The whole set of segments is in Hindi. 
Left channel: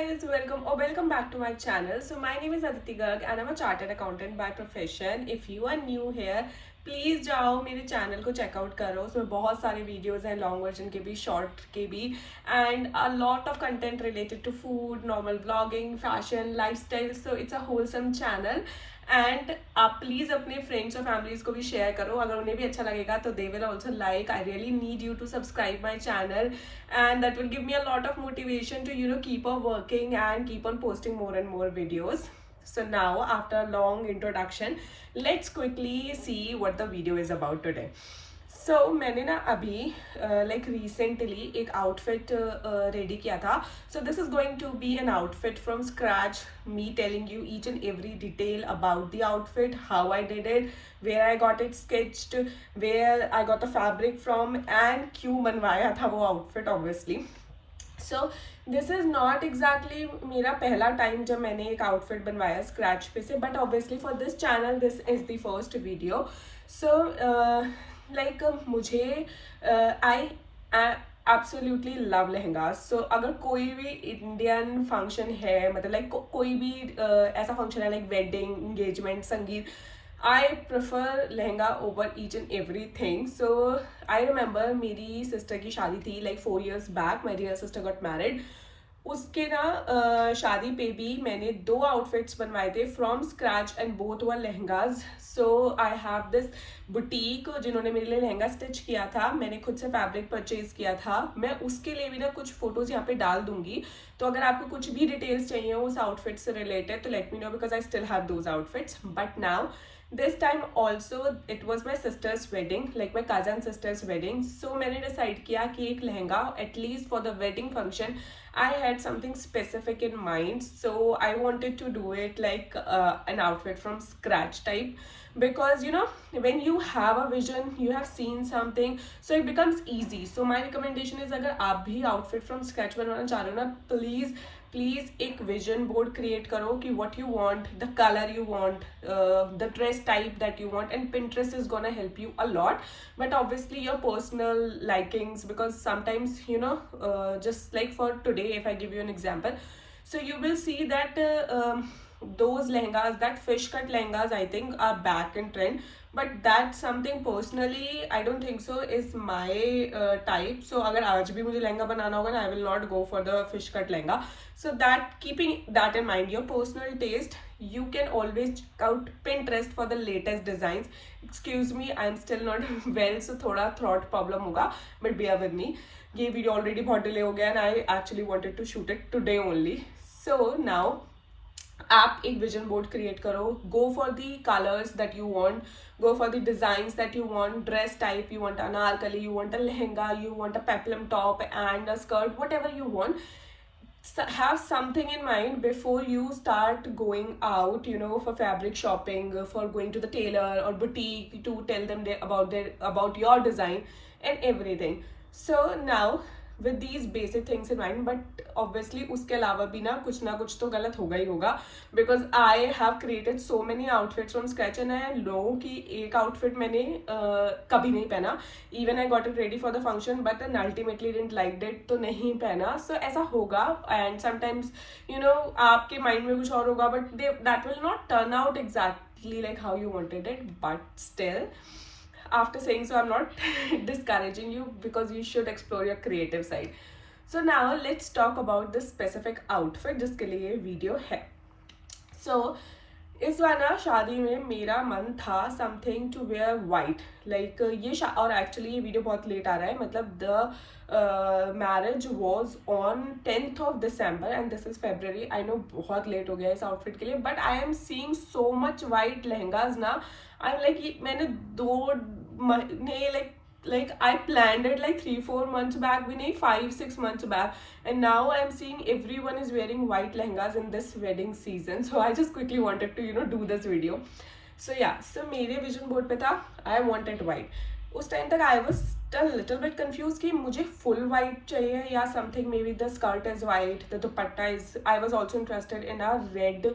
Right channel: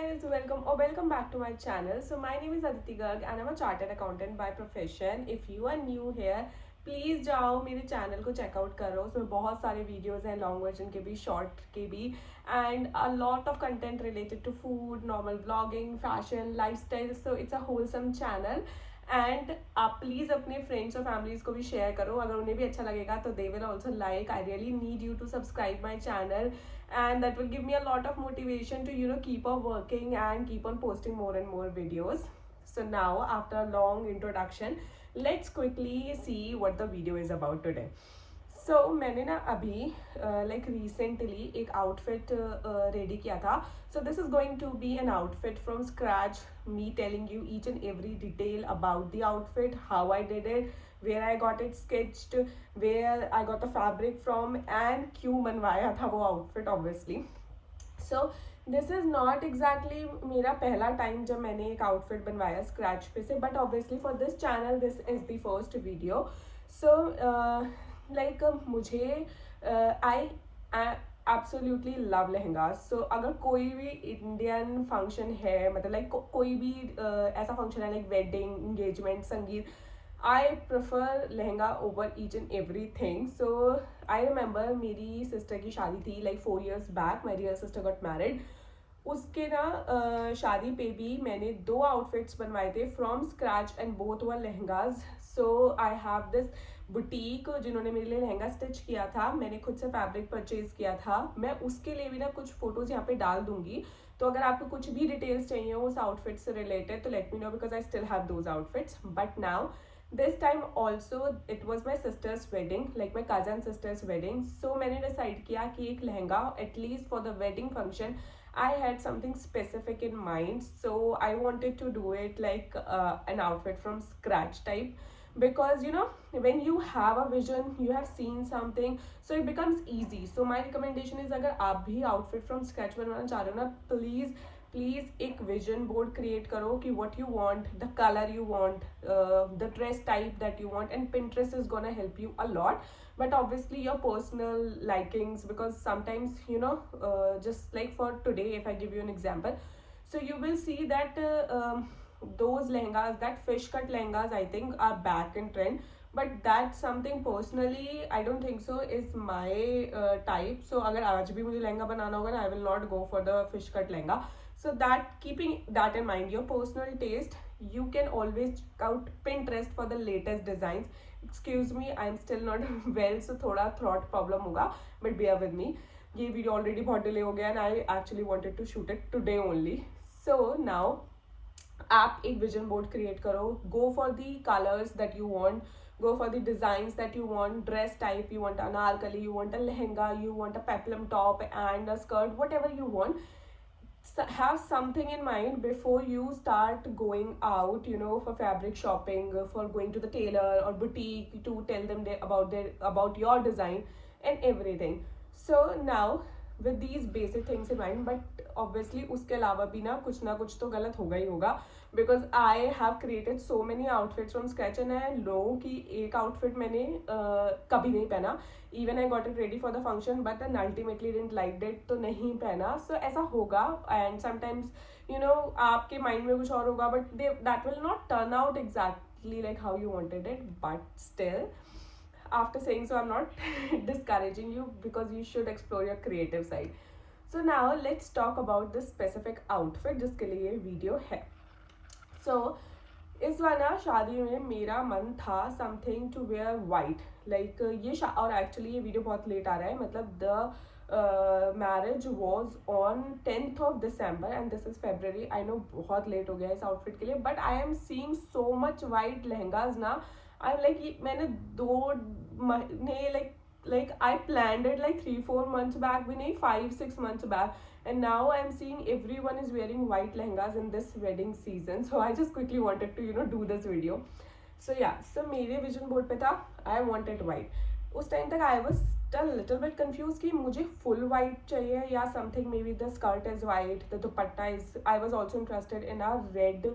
guys, welcome back to my channel. So my name is Aditi Garg and I'm a chartered accountant by profession. If you are new here, please जाओ मेरे चैनल को चेकआउट करो. उसमें बहुत सारे वीडियोस हैं, लॉन्ग वर्जन के भी, शॉर्ट के भी, and a lot of content related to food, normal blogging, fashion, lifestyle. So it's a wholesome channel. And आप प्लीज़ अपने फ्रेंड्स और फैमिलीज को भी शेयर करो. अगर उन्हें भी अच्छा लगेगा तो they will also like. I really need you to subscribe my channel, and that will give me a lot of motivation to keep on working and keep on posting more and more videos. So now, after a long introduction, let's quickly see what the video is about today. So मैंने ना अभी like recently एक outfit ready किया था. So this is going to be an outfit from scratch, me telling you each and every detail about the outfit, how I did it, where I got it sketched, where I got the fabric from, and क्यों बनवाया था वो outfit obviously. So this is not exactly मेरा पहला time जब मैंने एक outfit बनवाया scratch पे से, but obviously for this channel this is the first video. So like मुझे आई एब्सोल्युटली लव लहंगा. सो अगर कोई भी इंडियन फंक्शन है, मतलब लाइक कोई भी ऐसा फंक्शन है like wedding, engagement, sangeet, I prefer lehenga over each and everything. So I remember मेरी सिस्टर की शादी थी like 4 years back. My dear sister got married. उसके ना शादी पे भी मैंने 2 आउटफिट्स बनवाए थे from scratch and both were lehengas. So I have this boutique जिन्होंने मेरे लिए लहंगा स्टिच किया था. मैंने खुद से फैब्रिक परचेज किया था. मैं उसके लिए भी ना कुछ फोटोज यहाँ पे डाल दूंगी. तो अगर आपको कुछ भी डिटेल्स चाहिए उस आउटफिट से रिलेटेड तो let me know, because I still have those outfits. But now this time also it was my sister's wedding, like my cousin sister's wedding. So मैंने decide किया कि एक lehenga at least for the wedding function I had something specific in mind. So I wanted to do it like an outfit from scratch type, because when you have a vision, you have seen something, so it becomes easy. So my recommendation is अगर आप भी outfit from scratch बनवाना चाह रहे हो ना, प्लीज एक विजन बोर्ड क्रिएट करो कि what you want, the colour you want, the dress type that you want, and Pinterest is gonna help you a lot. But obviously your personal likings, because sometimes just like for today, if I give you an example, so you will see that those lehengas, that fish cut lehengas, I think are back in trend. But that's something personally I don't think so is my type. So अगर आज भी मुझे लहंगा बनाना होगा ना, I will not go for the fish cut lehenga. So that, keeping that in mind, your personal taste, you can always check out Pinterest for the latest designs. Excuse me, I'm still not well, so थोड़ा throat problem होगा, but bear with me. ये video already बहुत delay हो गया and I actually wanted to shoot it today only. So now आप एक विजन बोर्ड क्रिएट करो. Go for the colours that you want, go for the designs that you want, dress type, you want anarkali, you want a lehenga, you want a peplum top and a skirt, whatever you want. Have something in mind before you start going out, for fabric shopping, for going to the tailor or boutique to tell them about your design and everything. So now with these basic things in mind, but obviously उसके अलावा भी ना कुछ तो गलत होगा ही होगा, because I have created so many outfits from scratch and I know कि एक outfit मैंने कभी नहीं पहना. Even I got it ready for the function but then ultimately didn't like it, तो नहीं पहना. So ऐसा होगा, and sometimes आपके mind में कुछ और होगा, but that will not turn out exactly like how you wanted it. But still, after saying so, I'm not discouraging you, because you should explore your creative side. So now let's talk about this specific outfit जिसके लिए ये वीडियो है. So इस बार ना शादी में मेरा मन था something to wear white, like ये और एक्चुअली ये वीडियो बहुत लेट आ रहा है, मतलब the marriage was on 10th of December and this is February. I know बहुत लेट हो गया इस आउटफिट के लिए, but I am seeing so much white lehengas ना. आई एम लाइक मैंने 2 महीने like I planned it like 3-4 months back, भी नहीं 5-6 months back, and now I'm seeing everyone is wearing white lehengas in this wedding season. So I just quickly wanted to do this video. So yeah, so मेरे vision board पे था I wanted white. उस टाइम तक I was a little bit confused कि मुझे full white चाहिए या something, maybe the skirt is white, the dupatta is, I was also interested in a red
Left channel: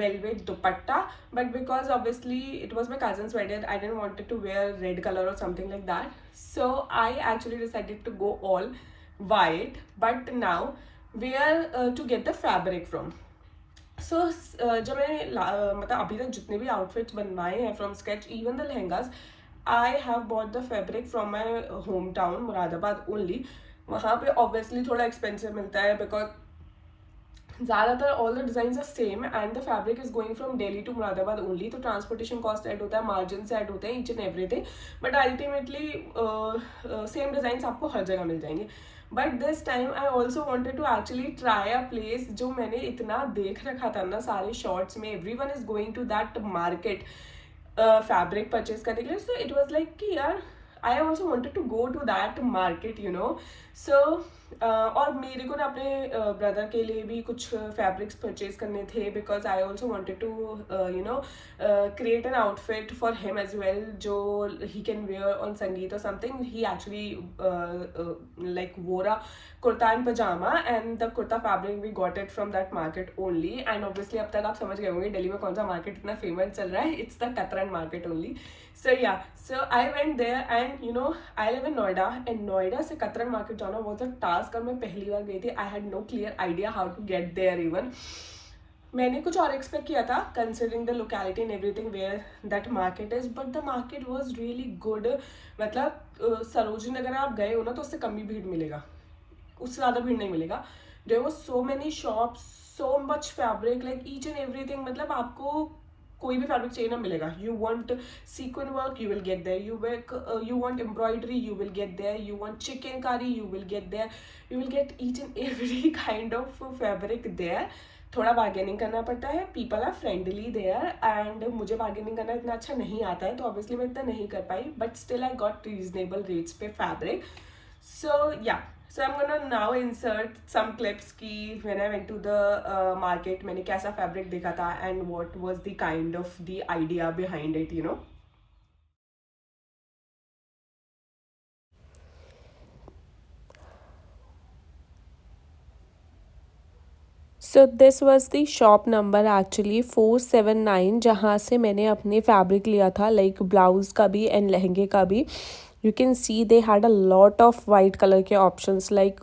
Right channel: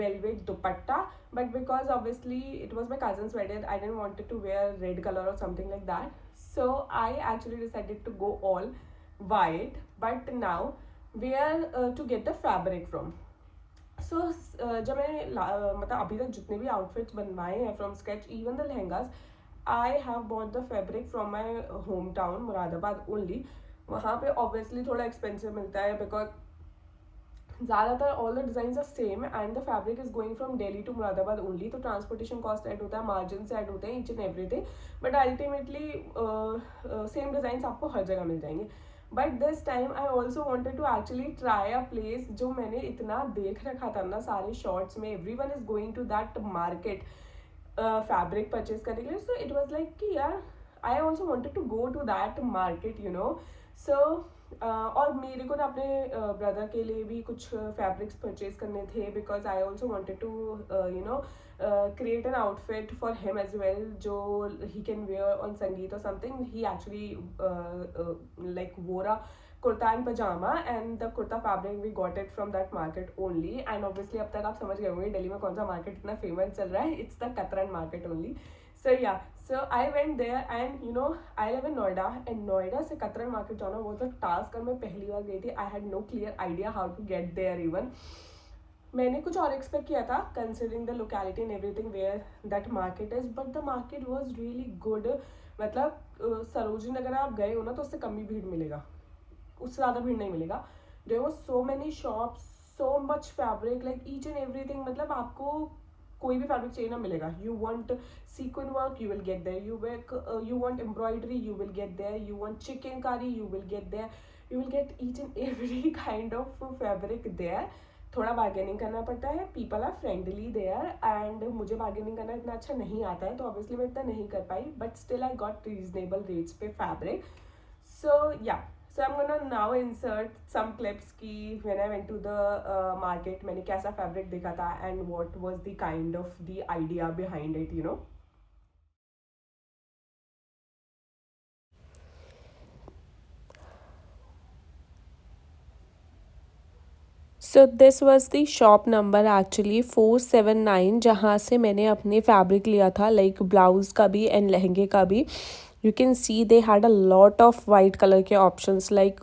velvet dupatta, but because obviously it was my cousin's wedding, I didn't want to wear red color or something like that. So I actually decided to go all white. But now where to get the fabric from. सो जब मैंने मतलब अभी तक जितने भी आउटफिट्स बनवाए हैं from sketch, even the lehengas, I have bought the fabric from my hometown Moradabad only. वहाँ पे ऑब्वियसली थोड़ा एक्सपेंसिव मिलता है बिकॉज ज़्यादातर all the design are same and the fabric is going from Delhi to Moradabad only. तो ट्रांसपोर्टेशन कॉस्ट ऐड होता है, मार्जिन ऐड होते हैं, each and everything. But ultimately same design आपको हर जगह मिल जाएंगे. But this time I also wanted to actually try a place जो मैंने इतना देख रखा था ना सारे शॉर्ट्स में, every one is going to that market fabric purchase करने के लिए. सो इट वॉज लाइक कि यार I also wanted to go to that market you know. So और मेरे को ना अपने ब्रदर के लिए भी कुछ फैब्रिक्स परचेज करने थे because I also wanted to you know create an outfit for him as well जो he can wear on Sangeet or something. He actually like wore a kurta and pajama and the kurta fabric we got it from that market only. And obviously अब तक आप समझ गए होंगे दिल्ली में कौन सा मार्केट इतना फेमस चल रहा है. It's the Katran market only. So yeah, so I went there and you know I live in Noida and Noida से Katran market जाना was a task. और मैं पहली बार गई थी, I had no clear idea how to get there even. मैंने कुछ और एक्सपेक्ट किया था considering the locality and everything where that market is, but the market was really good. मतलब सरोजनी नगर आप गए हो ना तो उससे कम ही भीड़ मिलेगा, उससे ज़्यादा भीड़ नहीं मिलेगा. There was so many shops, so much fabric, like each and everything. मतलब आपको कोई भी फैब्रिक चाहिए ना मिलेगा. You want sequin work, you will get there. You want embroidery, you will get there. You want chikankari, you will get there. You will get each and every kind of fabric there. थोड़ा बार्गेनिंग करना पड़ता है, people are friendly there and मुझे बार्गेनिंग करना इतना अच्छा नहीं आता है तो ऑब्वियसली मैं इतना नहीं कर पाई, but still I got reasonable rates पे fabric. So yeah, so I'm gonna now insert some clips की when I went to the market मैंने कैसा fabric देखा था and what was the kind of the idea behind it, you know. So this was the shop number actually 479 जहाँ से मैंने अपने फैब्रिक लिया था, लाइक ब्लाउज़ का भी एंड लहंगे का भी. You can see they had a lot of white colour के ऑप्शंस, लाइक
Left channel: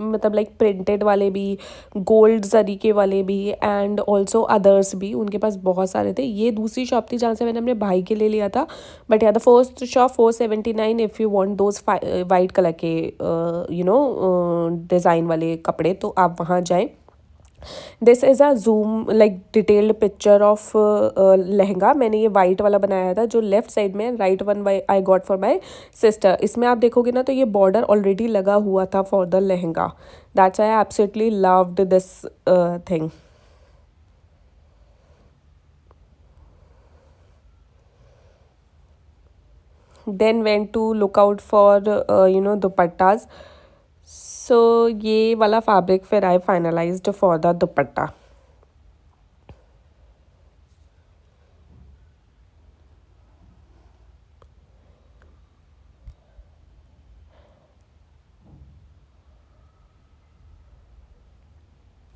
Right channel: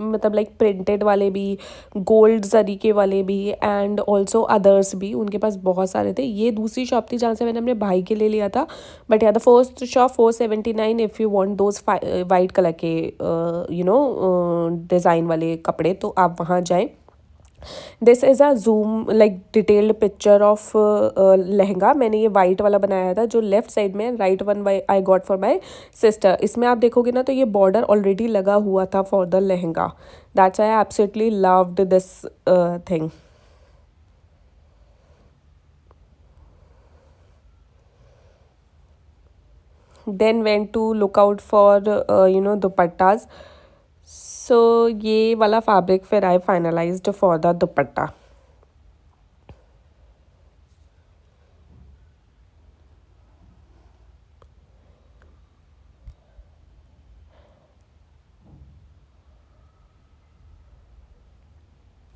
मतलब लाइक प्रिंटेड वाले भी, गोल्ड जरी के वाले भी एंड ऑल्सो अदर्स भी. उनके पास बहुत सारे थे. ये दूसरी शॉप थी जहाँ से मैंने अपने भाई के लिए लिया था. बट या the first shop 479, if you want those white colour के यू नो डिज़ाइन वाले कपड़े तो आप वहाँ जाएँ. This is a Zoom like detailed picture of lehenga. मैंने ये वाइट वाला बनाया था जो लेफ्ट साइड में, right one I got for my sister. इसमें आप देखोगे ना तो ये बॉर्डर ऑलरेडी लगा हुआ था for the lehenga. That's I absolutely loved this thing. Then went to look out for you know dupattas. सो ये वाला फैब्रिक फिर I finalised for the dupatta.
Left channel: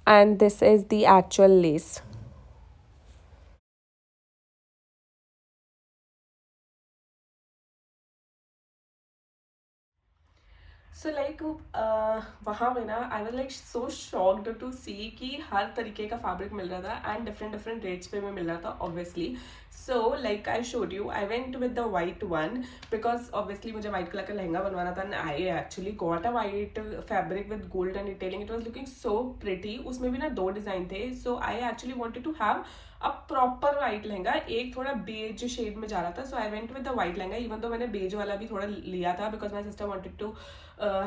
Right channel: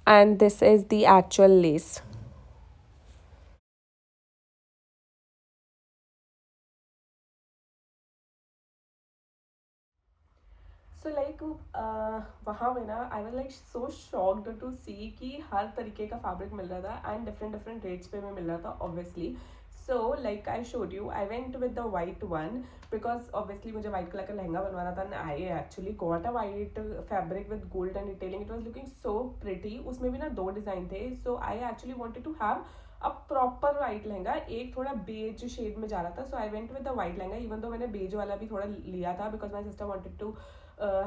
And this is the actual lace. So like वहाँ पे ना I was like so shocked to see कि हर तरीके का फैब्रिक मिल रहा था एंड डिफरेंट डिफरेंट रेट्स पे भी मिल रहा था obviously. So like I showed you, I went with the white one because obviously मुझे वाइट कलर का लहंगा बनवाना था and I actually got a white fabric with gold and detailing. It was looking so pretty. उसमें भी ना दो डिजाइन थे. So I actually wanted to have a proper white lehenga. एक थोड़ा बेज शेड में जा रहा था. So I went with the white lehenga, even तो मैंने बेज वाला भी थोड़ा लिया था because my sister wanted to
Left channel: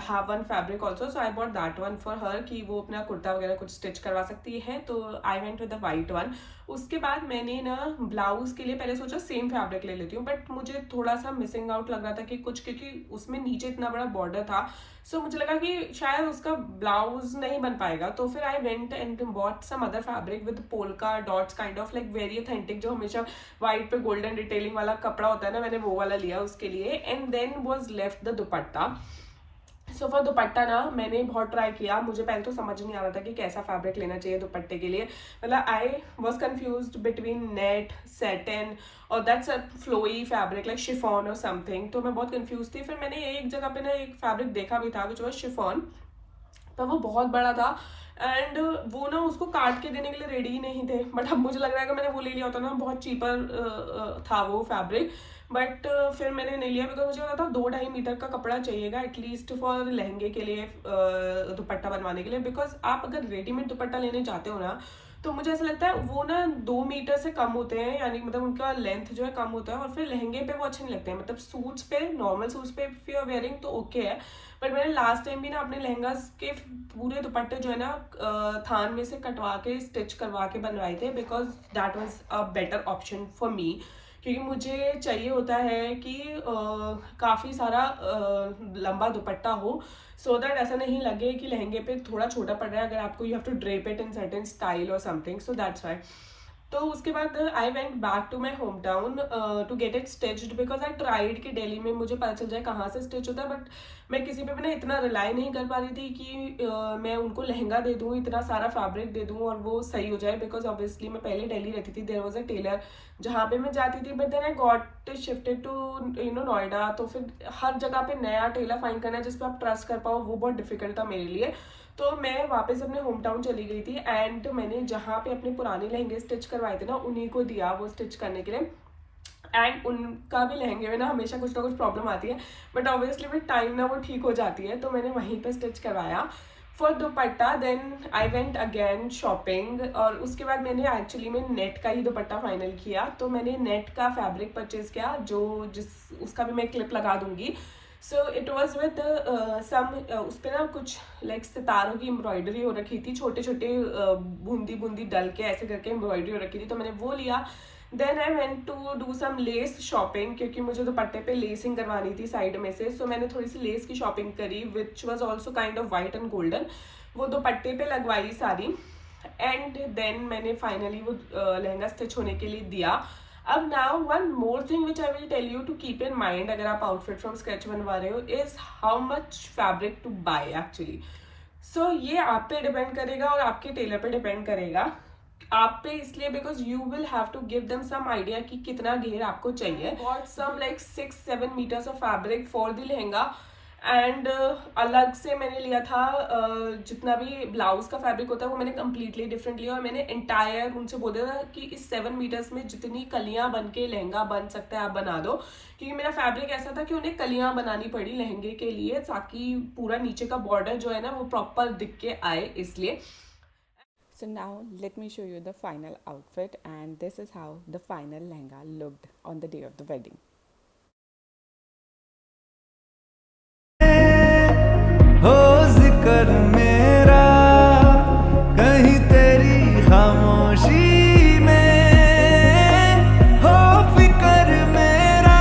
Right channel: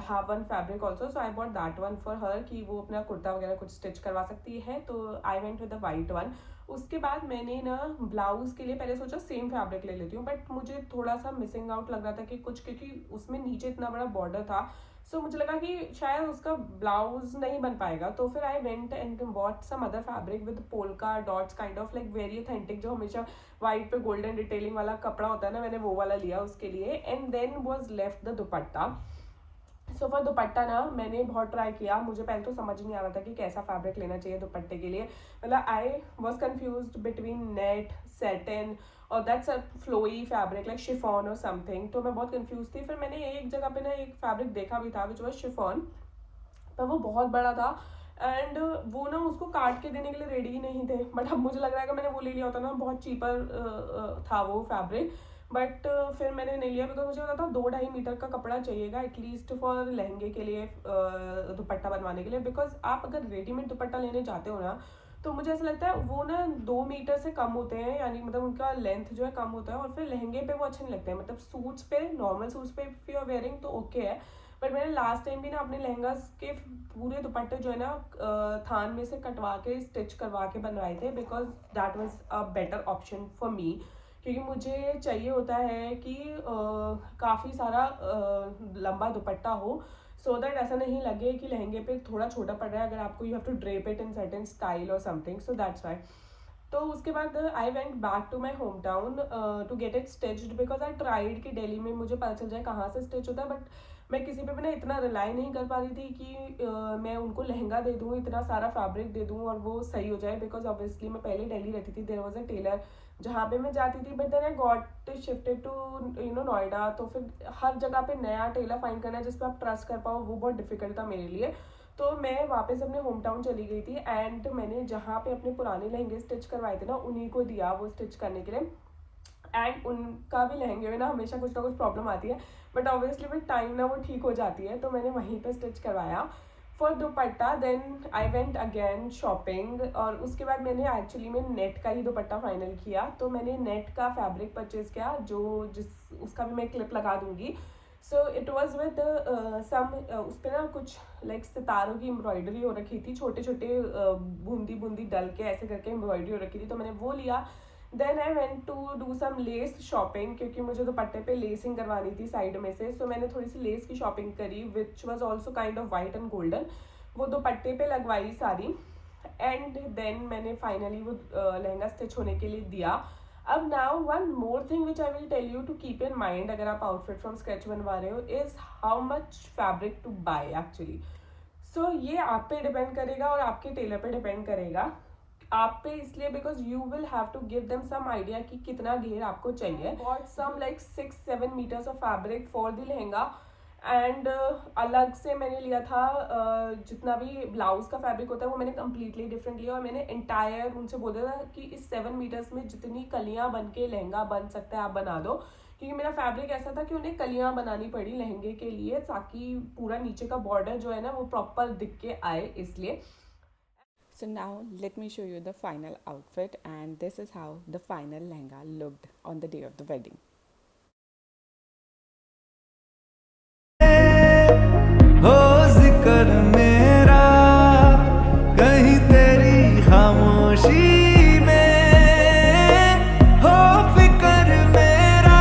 have one fabric also, so I bought that one for her कि वो अपना कुर्ता वगैरह कुछ स्टिच करवा सकती है. तो I went with the white one. उसके बाद मैंने ना ब्लाउज के लिए पहले सोचा सेम फैब्रिक ले लेती हूँ, बट मुझे थोड़ा सा मिसिंग आउट लग रहा था कि कुछ, क्योंकि उसमें नीचे इतना बड़ा बॉर्डर था. सो मुझे लगा कि शायद उसका ब्लाउज नहीं बन पाएगा. तो फिर I went and bought some other fabric with polka dots kind of like very authentic, जो हमेशा वाइट पे गोल्डन डिटेलिंग वाला कपड़ा होता है ना, मैंने वो वाला लिया उसके लिए. And then was left the dupatta. So for dupatta ना मैंने बहुत ट्राई किया. मुझे पहले तो समझ नहीं आ रहा था कि कैसा फैब्रिक लेना चाहिए दुपट्टे के लिए. मतलब I was confused between net, satin और that's a flowy fabric like chiffon और समथिंग. तो मैं बहुत कन्फ्यूज थी. फिर मैंने एक जगह पे ना एक फैब्रिक देखा भी था विच वॉज शिफॉन. पर वो बहुत बड़ा था एंड वो ना उसको काट के देने के लिए रेडी ही नहीं थे। बट अब मुझे लग रहा है कि मैंने वो ले लिया होता ना, बहुत चीपर था वो फैब्रिक। बट फिर मैंने नहीं लिया बिकॉज मुझे लगा था 2-2.5 मीटर का कपड़ा चाहिएगा एटलीस्ट फॉर लहंगे के लिए, दुपट्टा बनवाने के लिए। बिकॉज आप अगर रेडीमेड दुपट्टा लेने जाते हो ना, तो मुझे ऐसा लगता है वो ना 2 मीटर से कम होते हैं, यानी मतलब उनका लेंथ जो है कम होता है, और फिर लहंगे पे वो अच्छे नहीं लगते हैं। मतलब सूट्स पे, नॉर्मल सूट्स पे इफ यू आर वेयरिंग तो ओके है। बट मैंने लास्ट टाइम भी ना अपने लहंगा के पूरे दुपट्टे जो है ना थान में से कटवा के स्टिच करवा के बनवाए थे, because that was a better option for me. क्योंकि मुझे चाहिए होता है कि काफ़ी सारा लंबा दुपट्टा हो, सो दैट ऐसा नहीं लगे कि लहंगे पे थोड़ा छोटा पड़ रहा है अगर आपको, you have to drape it in certain style और समथिंग, सो दैट्स वाई। तो उसके बाद I went back to my hometown to get it stitched, because I tried कि दिल्ली में मुझे पता चल जाए कहाँ से स्टिच होता है। बट मैं किसी पे भी ना इतना रिलाई नहीं कर पा रही थी कि मैं उनको लहंगा दे दूँ, इतना सारा फैब्रिक दे दूँ और वो सही हो जाए। बिकॉज ऑब्वियसली मैं पहले दिल्ली रहती थी, देयर वॉज अ टेलर जहाँ पे मैं जाती थी, but then I got shifted to Noida. तो फिर हर जगह पे नया टेलर फाइंड करना है जिस पर आप ट्रस्ट कर पाओ, वो बहुत डिफिकल्ट था मेरे लिए। तो मैं वापस अपने होम टाउन चली गई थी एंड मैंने जहाँ पे अपने पुराने लहंगे स्टिच करवाए थे ना, उन्हीं को दिया वो स्टिच करने के लिए। एंड उनका भी लहंगे में ना हमेशा कुछ ना कुछ प्रॉब्लम आती है, बट ऑब्वियसली विद टाइम ना वो ठीक हो जाती है। तो मैंने वहीं पे स्टिच करवाया for dupatta. Then I went again shopping, और उसके बाद मैंने एक्चुअली में नेट का ही दुपट्टा फाइनल किया। तो मैंने नेट का फैब्रिक परचेज किया, जो जिस उसका भी मैं क्लिप लगा दूंगी। So it was with some, उस पर ना कुछ लाइक सितारों की एम्ब्रॉयडरी हो रखी थी, छोटे छोटे बूंदी बूंदी डल के ऐसे करके एम्ब्रॉयडरी हो रखी थी, तो मैंने वो लिया। Then I went to do some less shopping, क्योंकि मुझे दुपट्टे पे लेसिंग करवानी थी साइड में से। सो मैंने थोड़ी सी लेस की शॉपिंग करी which was also kind of white and golden, वो दुपट्टे पे लगवाई सारी। एंड देन मैंने फाइनली वो लहंगा स्टिच होने के लिए दिया। अब now one more thing which I will tell you to keep in mind अगर आप आउटफिट फ्रॉम स्केच बनवा रहे हो, is how much fabric to buy actually. So ये आप पे डिपेंड करेगा और आपके टेलर पे डिपेंड करेगा। आप पे इसलिए because you will have to give them some idea कि कितना घेर आपको चाहिए। Got some like 6-7 meters of fabric for the lehenga. And अलग से मैंने लिया था जितना भी ब्लाउज का फैब्रिक होता है वो मैंने कम्प्लीटली डिफरेंट लिया, और मैंने एंटायर उनसे बोला था कि इस 7 मीटर्स में जितनी कलियां बन के लहंगा बन सकता है आप बना दो। क्योंकि मेरा फैब्रिक ऐसा था कि उन्हें कलियां बनानी पड़ी लहंगे के लिए, ताकि पूरा नीचे का बॉर्डर जो है ना वो प्रॉपर दिख के आए, इसलिए। So now let me show you the final outfit, and this is how the final lehenga looked on the day of the wedding. हो जिक्र मेरा कहीं तेरी खामोशी में, हो फिक्र मेरा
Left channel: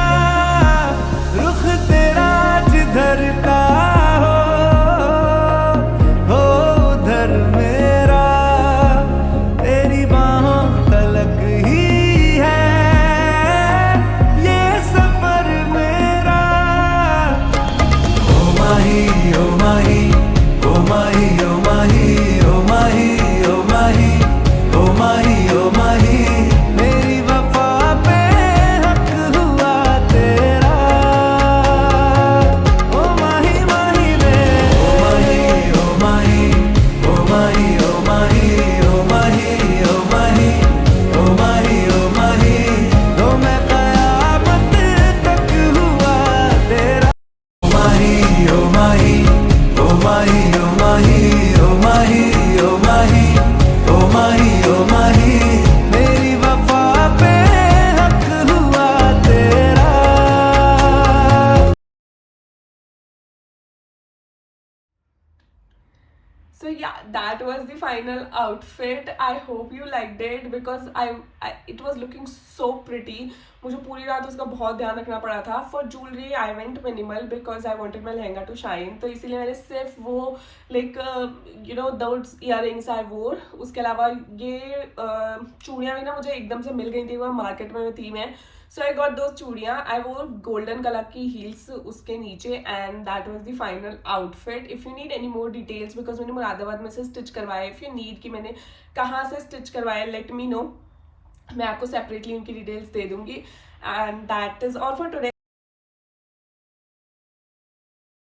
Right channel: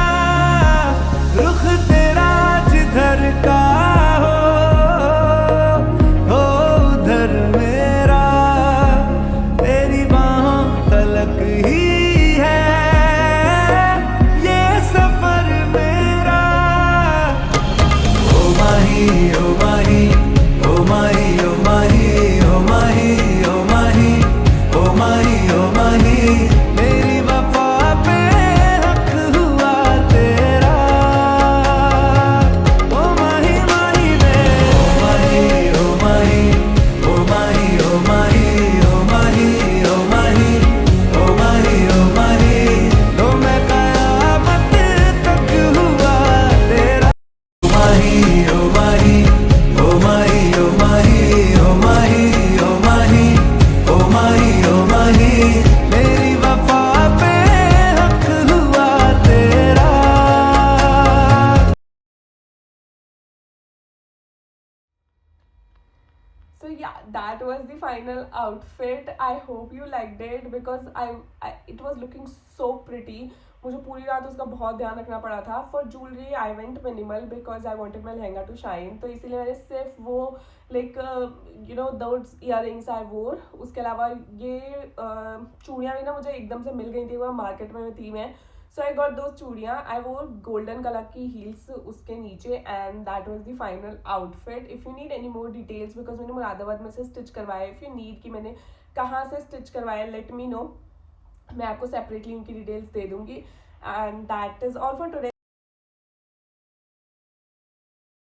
रुख तेरा जिधर का हो उधर मेरा, तेरी बाहों तलक ही है ये सफर मेरा। ओ माही ओ माही ओ माही ओ माही ओ माही ओ माही ओ माही ओ माही, मेरी वफा पे हक हुआ तेरा। ओ माही माही वे ओ माही ओ माही ओ माही ओ माही ओ माही ओ माही ओ माही ओ माही, लो मैं कयामत तक हुआ तेरा। ओ माही ओ माही ओ माही ओ माही ओ माही ओ माही ओ माही ओ माही, मेरी वफा पे हक हुआ तेरा। So yeah, that was the final outfit. I hope you liked it because I it was looking so pretty. मुझे पूरी रात उसका बहुत ध्यान रखना पड़ा था। For jewellery I went minimal because I wanted my lehenga to shine, तो इसीलिए मैंने सिर्फ वो लाइक दोज इयररिंग्स आई वोर। उसके अलावा ये चूड़ियाँ भी ना मुझे एकदम से मिल गई थी, वह मार्केट में थी मैं। सो आई गॉट दोज चूड़ियाँ, आई वोर गोल्डन कलर की हील्स उसके नीचे, and that was the final outfit. If you need any more details, because मैंने मुरादाबाद में से स्टिच करवाया, इफ यू नीड कि मैंने कहाँ से स्टिच करवाया, लेट मी नो, मैं आपको सेपरेटली उनकी डिटेल्स दे दूंगी। And that is all for today.